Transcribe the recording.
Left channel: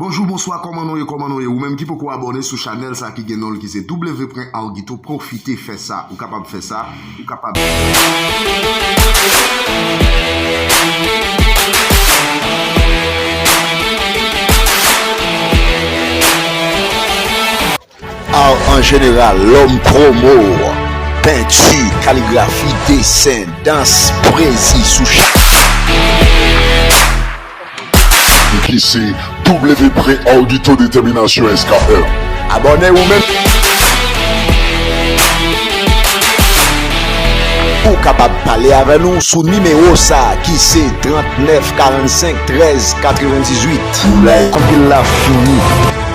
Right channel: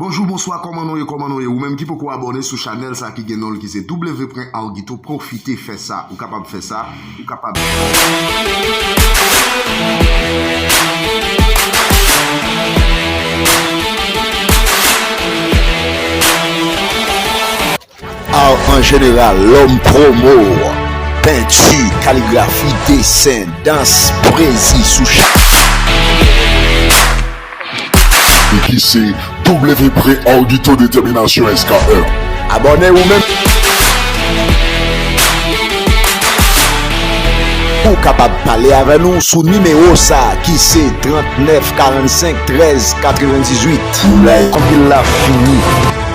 Bonjour, bonsoir, comment nous ou même qui peut abonner sur channel ça qui gagne qui c'est w.argito, profitez faire ça, ou capable faire ça, ou capable en général, l'homme promo, peinture, kaligrafi, dessin, danse, poésie sous qui c'est w.argito détermination SKR. Abonnez-vous même pour capable parler avec nous sous numéro ça qui c'est 39 45 13 98. Comme il l'a fini.